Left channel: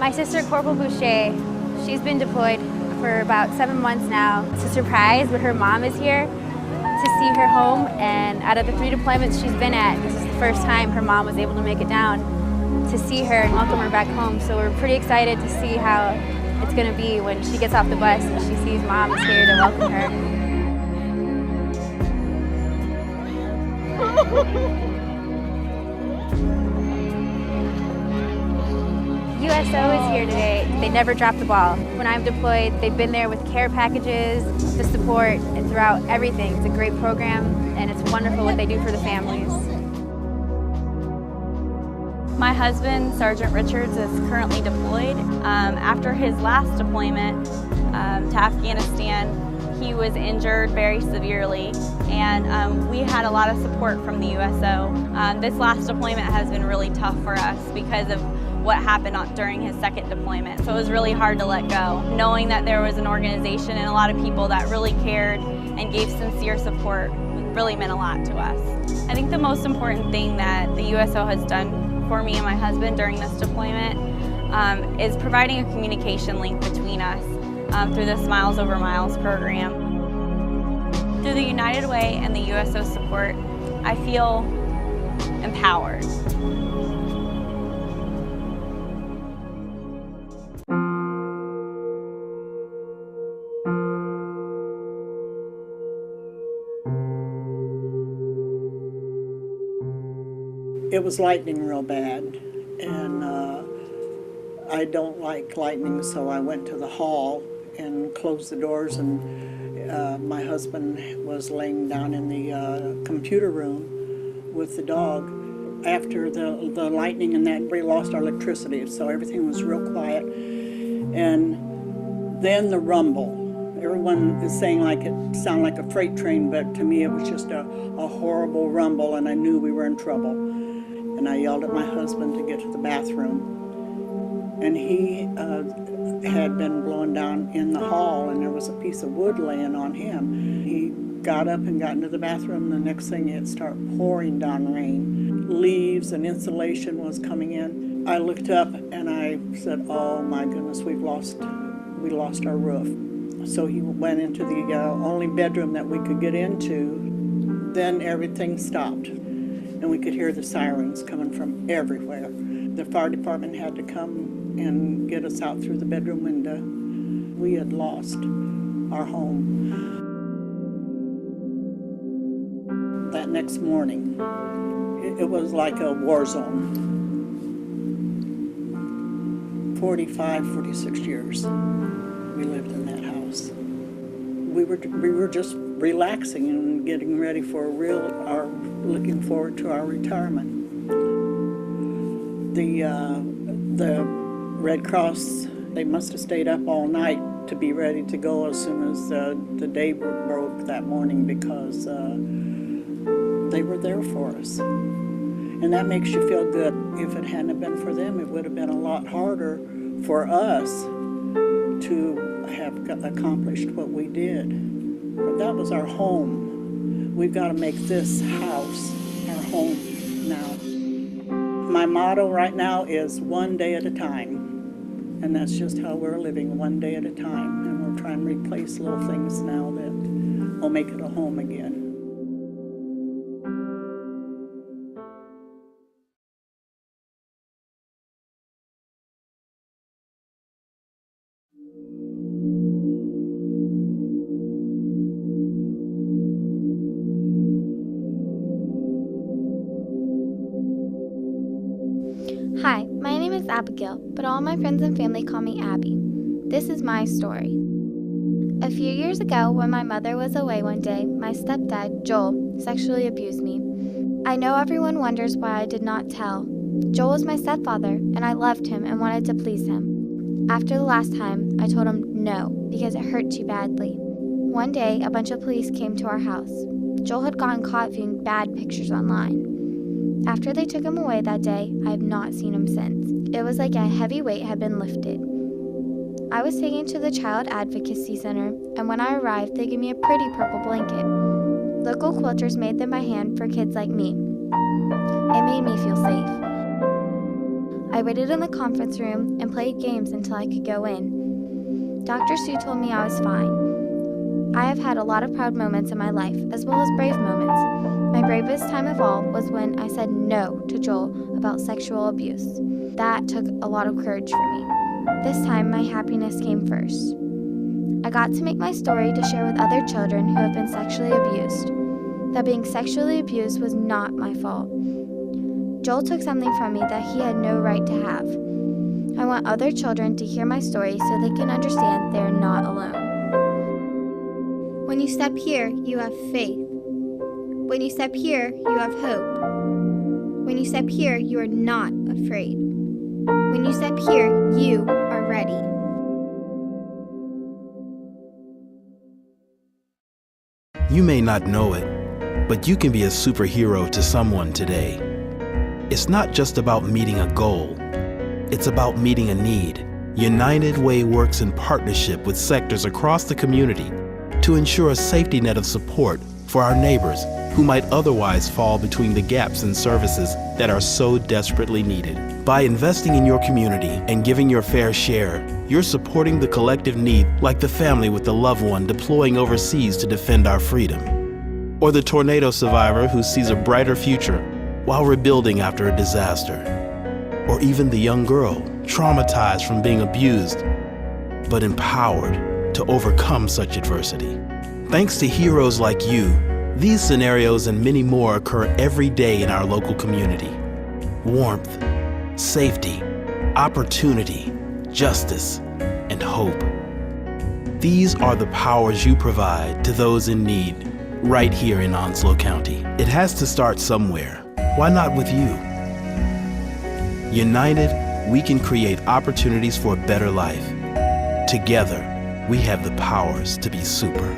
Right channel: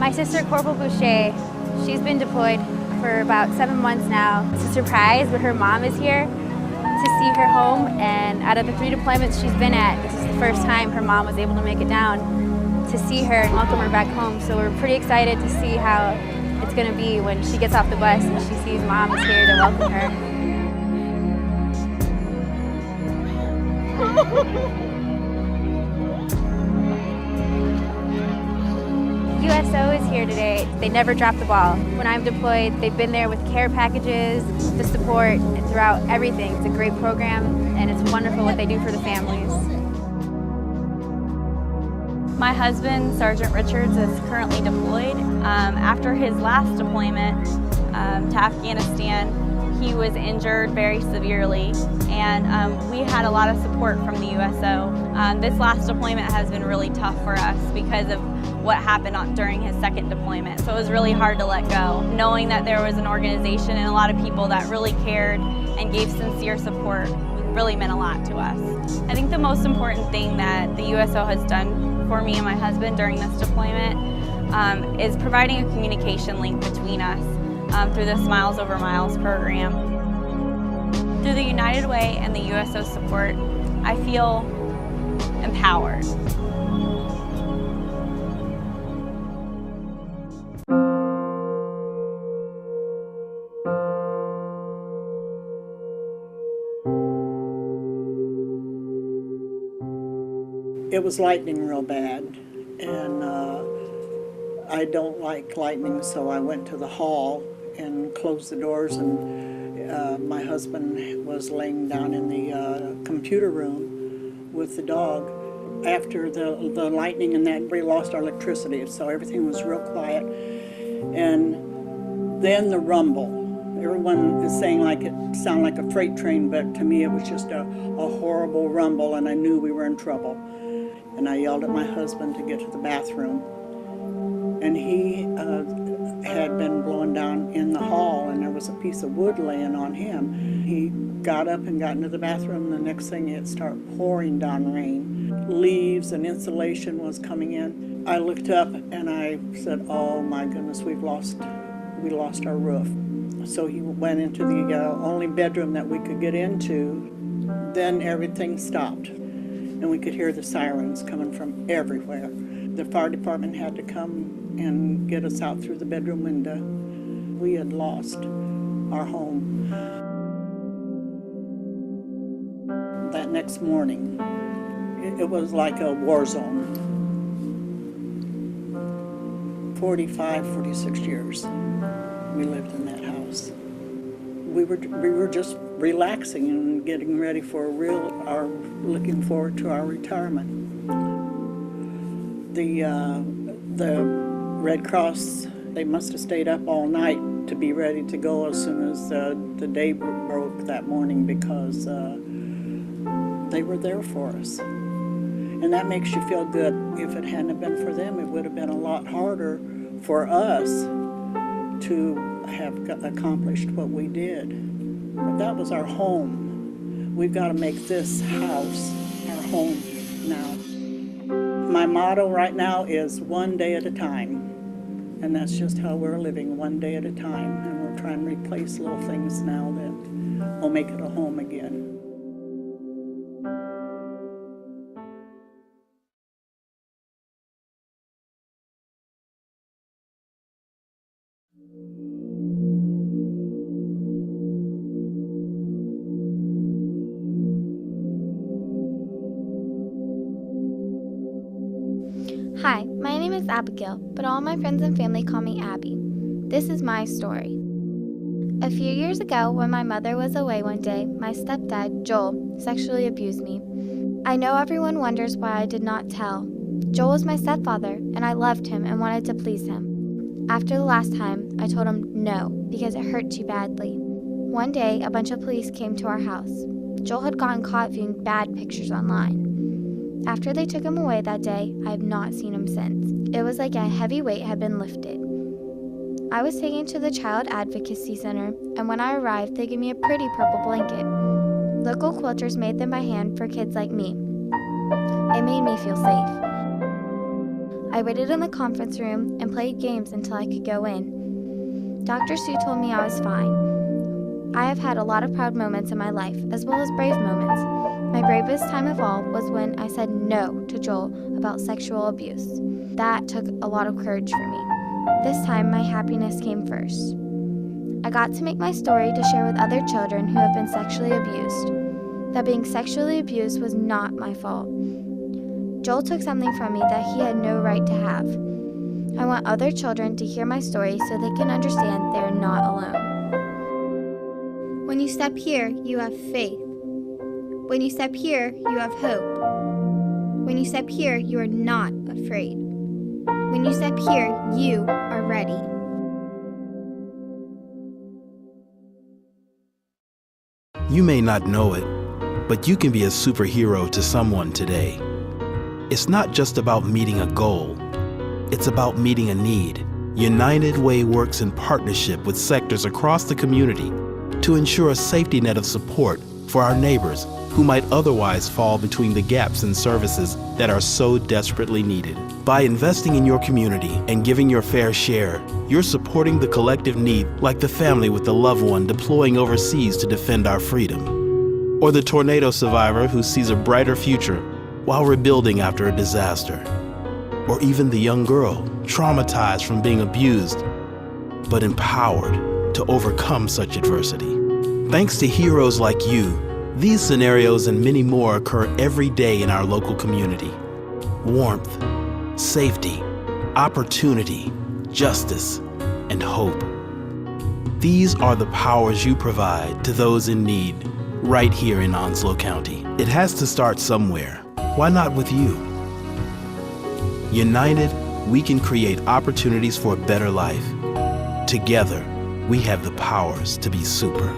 My sister, Corporal Boucher, she's been deployed for about 7 months now. It's a surprise, but her mom is here to see her home, and out of the 3 deployments she's been at, this is the first time her mom was able to make it down to see her and welcome her back home. So we're pretty excited to see how it's going to be when she gets off the bus and she sees mom is here to welcome her. USO is here today. They never drop the ball. When I'm deployed, they've been there with care packages, the support, and throughout everything. It's a great program, and it's wonderful what they do for the families. My husband, Sergeant Richards, is currently deployed. After his last deployment to Afghanistan, he was injured very severely, and we had a lot of support from the USO. This last deployment has been really tough for us because of what happened during his second deployment. So it was really hard to let go. Knowing that there was an organization and a lot of people that really cared and gave sincere support really meant a lot to us. I think the most important thing that the USO has done for me and my husband during this deployment is providing a communication link between us through the Smiles Over Miles program. Through the United Way and the USO support, I feel empowered. It was lightning real bad, and I don't like lightning, so I went to the hall and closed the doors, and my husband was laying down in the computer room with the dog. After the lightning and that, we lost our electricity, so everything was real quiet. And then the rumble. Everyone is saying like it sounded like a freight train, but to me it was just a horrible rumble, and I knew we were in trouble. And I yelled at my husband to get to the bathroom. And he had been blown down in the hall, and there was a piece of wood laying on him. He got up and got into the bathroom, and the next thing it started pouring down rain. Leaves and insulation was coming in. I looked up and I said, oh my goodness, we lost our roof. So he went into the only bedroom that we could get into. Then everything stopped, and we could hear the sirens coming from everywhere. The fire department had to come and get us out through the bedroom window. We had lost our home. That next morning, it was like a war zone. 45, 46 years we lived in that house. We were just relaxing and getting ready for looking forward to our retirement. The Red Cross, they must have stayed up all night to be ready to go as soon as the day broke that morning, because they were there for us. And that makes you feel good. If it hadn't been for them, it would have been a lot harder for us to have accomplished what we did. But that was our home. We've got to make this house our home now. My motto right now is one day at a time. And that's just how we're living, one day at a time. And we're trying to replace little things now that will make it a home again. Hi, my name is Abigail, but all my friends and family call me Abby. This is my story. A few years ago, when my mother was away one day, my stepdad, Joel, sexually abused me. I know everyone wonders why I did not tell. Joel was my stepfather, and I loved him and wanted to please him. After the last time, I told him no, because it hurt too badly. One day, a bunch of police came to our house. Joel had gotten caught viewing bad pictures online. After they took him away that day, I have not seen him since. It was like a heavy weight had been lifted. I was taken to the Child Advocacy Center, and when I arrived, they gave me a pretty purple blanket. Local quilters made them by hand for kids like me. It made me feel safe. I waited in the conference room and played games until I could go in. Dr. Sue told me I was fine. I have had a lot of proud moments in my life, as well as brave moments. My bravest time of all was when I said no to Joel about sexual abuse. That took a lot of courage for me. This time, my happiness came first. I got to make my story to share with other children who have been sexually abused. That being sexually abused was not my fault. Joel took something from me that he had no right to have. I want other children to hear my story so they can understand they are not alone. When you step here, you have faith. When you step here, you have hope. When you step here, you are not afraid. When you step here, you are ready. You may not know it, but you can be a superhero to someone today. It's not just about meeting a goal. It's about meeting a need. United Way works in partnership with sectors across the community to ensure a safety net of support for our neighbors who might otherwise fall between the gaps in services that are so desperately needed. By investing in your community and giving your fair share, you're supporting the collective need, like the family with a loved one deploying overseas to defend our freedom, or the tornado survivor who sees a brighter future while rebuilding after a disaster, or even the young girl traumatized from being abused, but empowered to overcome such adversity. Thanks to heroes like you, these scenarios and many more occur every day in our local community. Warmth, safety, opportunity, justice, and hope. These are the powers you provide to those in need right here in Onslow County. It has to start somewhere. Why not with you? United, we can create opportunities for a better life. Together, we have the powers to be super.